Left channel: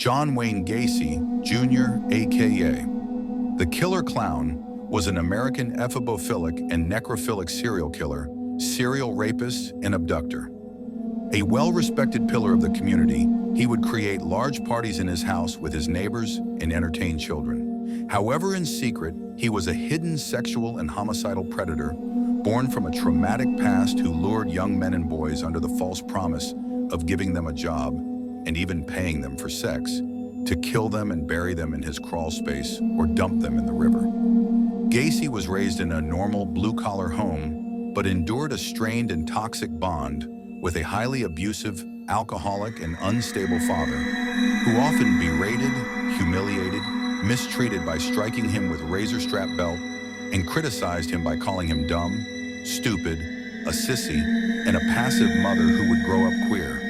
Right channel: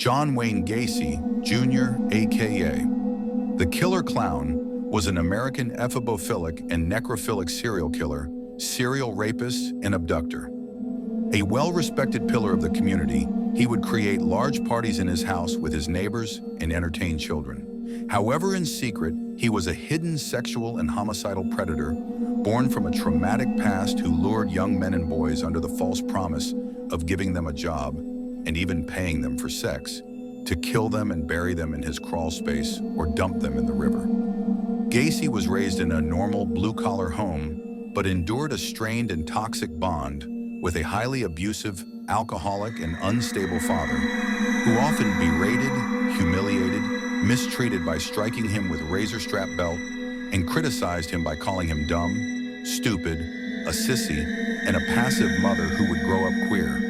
John Wayne Gacy, Jr., a.k.a. The Killer Clown, was an American ephemophilic and necrophilic serial killer, serial rapist, and abductor. A well-respected pillar of the community, he would create large parties in his house with his neighbors and entertain children. However, in secret, he was a hidden sexual and homicidal predator, born from a traumatic past who lured young men and boys under the false promise of giving them a job and even paying them for sex, to kill them and bury them in his crawl space or dump them in the river. Gacy was raised in a normal blue-collar home, but endured a strained and toxic bond with a highly abusive, alcoholic, and unstable father who often berated, humiliated, mistreated by striking him with a razor-strap belt, and criticized him by calling him dumb, stupid, a sissy, and a passive mother who would grow up queer.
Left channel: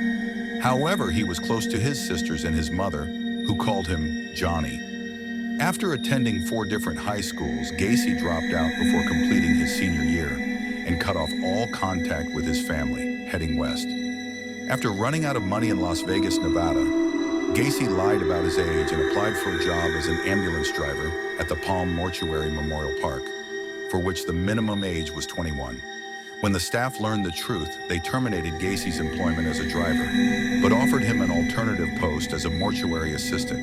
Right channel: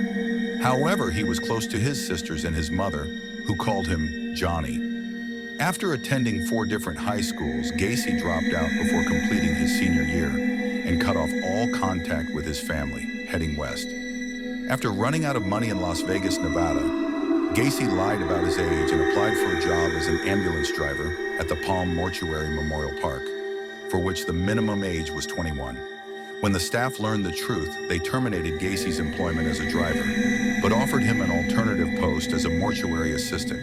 However, he was close to his sisters and his mother, who called him Johnny. After attending 4 different high schools, Gacy dropped out before completing his senior year and cut off all contact with his family, heading west. After running out of money in Las Vegas, Nevada, Gacy lied about his age and applied for a job as an ambulance driver at the Palm Mortuary Memorial Park, for which the minimum age was 21. When the staff learned the truth, they terminated Gacy's employment as a driver, but offered him an alternative post as a mortuary assistant,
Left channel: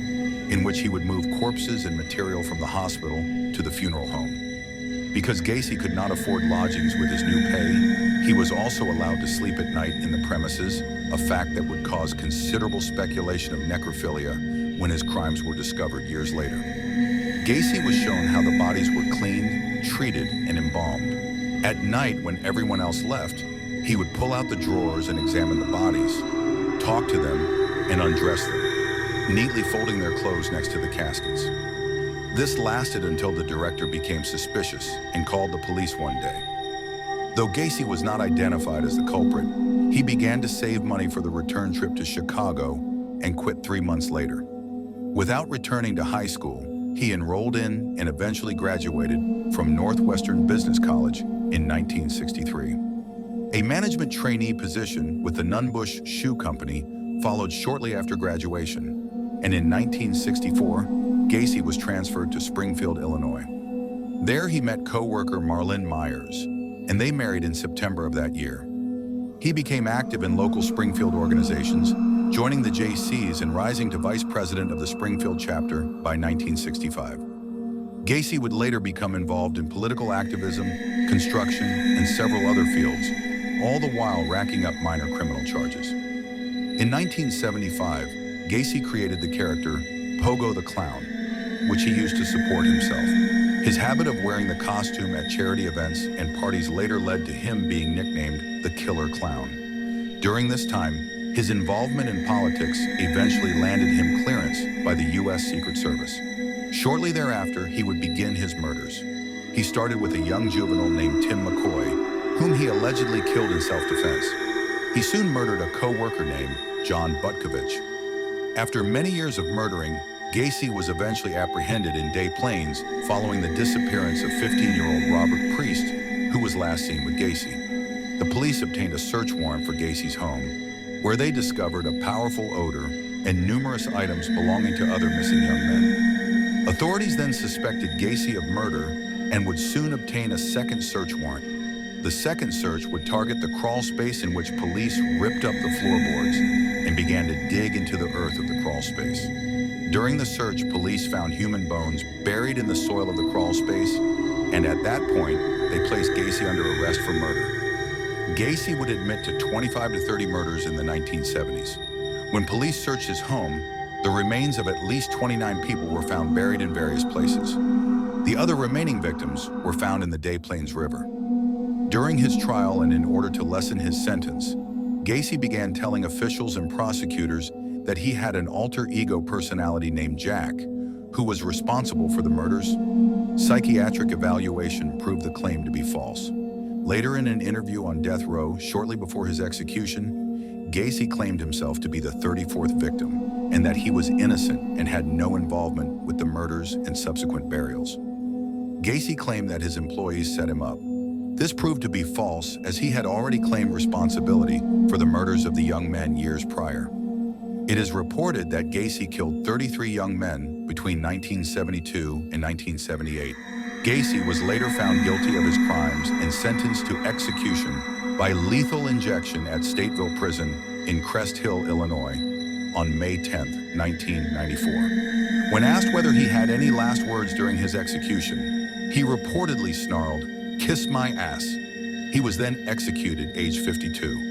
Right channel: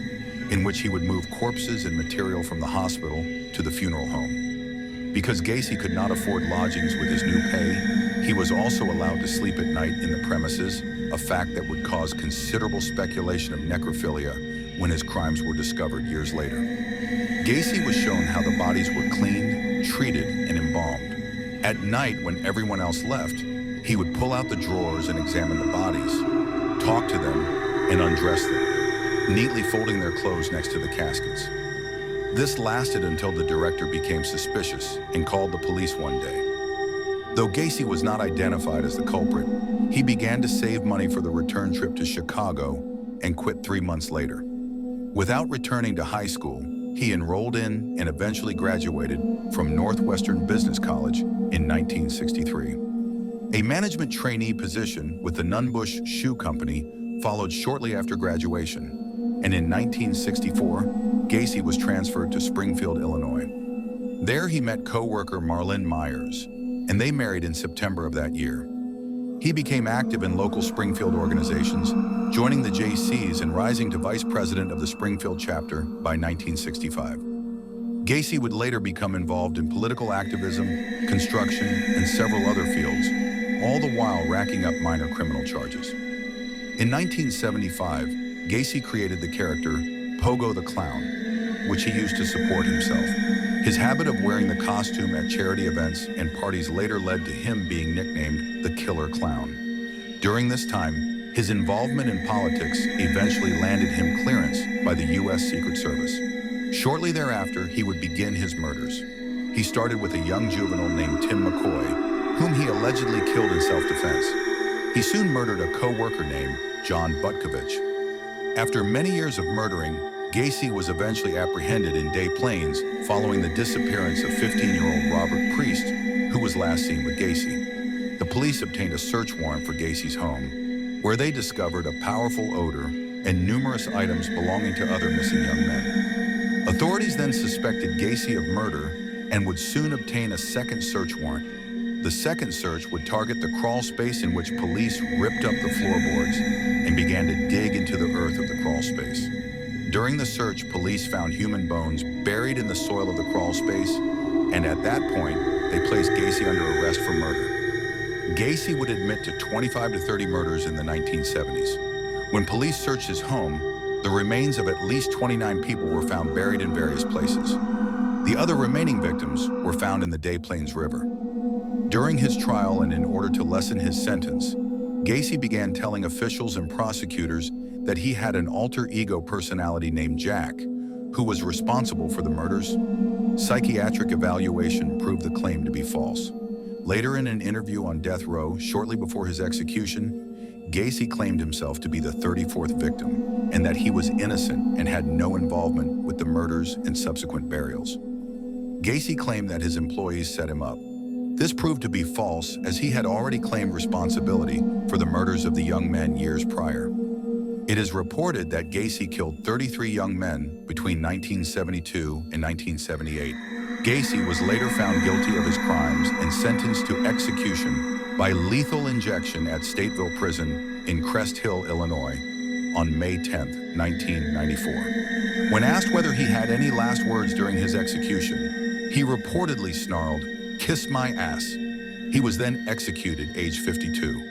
in which he would move corpses and material from the hospital to the funeral home. Because Gacy could not afford lodgings with his new pay, he was also allowed to sleep at night in the premises, a fact that would cause considerable speculation of necrophilia when his crimes were discovered years later. Gacy was shown how the bodies were cleaned, treated, and embalmed. At night, when everyone else left, he would pull out the drawers and examine the bodies, talk to them, and undress them, neatly folding their clothes next to the caskets. This lasted until the director became suspicious and called the police one day. Though Gacy was not identified as the culprit, he began to save money for the return trip to Chicago and quit 3 months later. Without returning to high school, he enrolled in and eventually graduated from Northwestern Business College in 1963. A management trainee position with the Nunbush Shoe Company followed shortly after graduation, and in 1964, Gacy was transferred to Springfield, Illinois. There he met co-worker Marlyn Myers, and they married in September of that year. He became active in local Springfield organizations, joining the JCs and rising to vice president of the Springfield chapter by 1965. Gacy would later become involved in political activism, construction, and several other fields, all the while racking up minor criminal charges. In 1975, Gacy created the character Pogo the Clown, which he used to support himself. His habit of wearing the costume at charity events and parties later led to him being nicknamed the Killer Clown. During this time, his involvement in politics eventually landed him clearance by the U.S. Secret Service. Shortly thereafter, he would begin his murders. He started with a young juvenile named Tim McCoy, whom he allegedly killed in self-defense. He soon murdered a co-worker named John Butkovich. After many years of murdering, Gacy was eventually apprehended in Des Plaines following the disappearance of 15-year-old Robert Priest, who was last seen with Gacy. The police obtained a search warrant for Gacy's home, where they discovered a powerful odor and numerous items belonging to other missing young men. Authorities then suspected Gacy of murder and would soon obtain a second search warrant. The second search would target the crawl space in which police ripped up the floorboards and began to dig into the earth of the crawl space. During the search, police found human bones buried in the soil of the crawl space, and at that point, they placed Gacy under arrest for murder. Gacy would admit to 25 to 30 murders in the 1970s. When police searched his home, the remains of at least 29 people were found buried in various places. The other remaining victims were found in the Des Plaines River. During his trial and in order to lessen his sentence, Gacy began telling officials and prosecutors that he had an alter ego personality named Jack, who was responsible for the murders. Psychiatric evaluation proved the claim to be false. Later in an interview on death row, shortly before his execution, Gacy claimed himself to be the 34th victim and that he was innocent and had no involvement with the murders and subsequent burials. Gacy claimed that his employees set him up. This proved to be false, as he had already claimed responsibility for the murders of the young men years prior. It is reported that Gacy killed 33 young men between 1972 and 1978. Gacy was later found guilty of his crimes and sentenced to execution by lethal injection at Stateville Prison in Crest Hill, Illinois, on May 10, 1994. When asked whether he had any last words during his execution, he reportedly snarled, "Kiss my ass." He was then executed, age 52.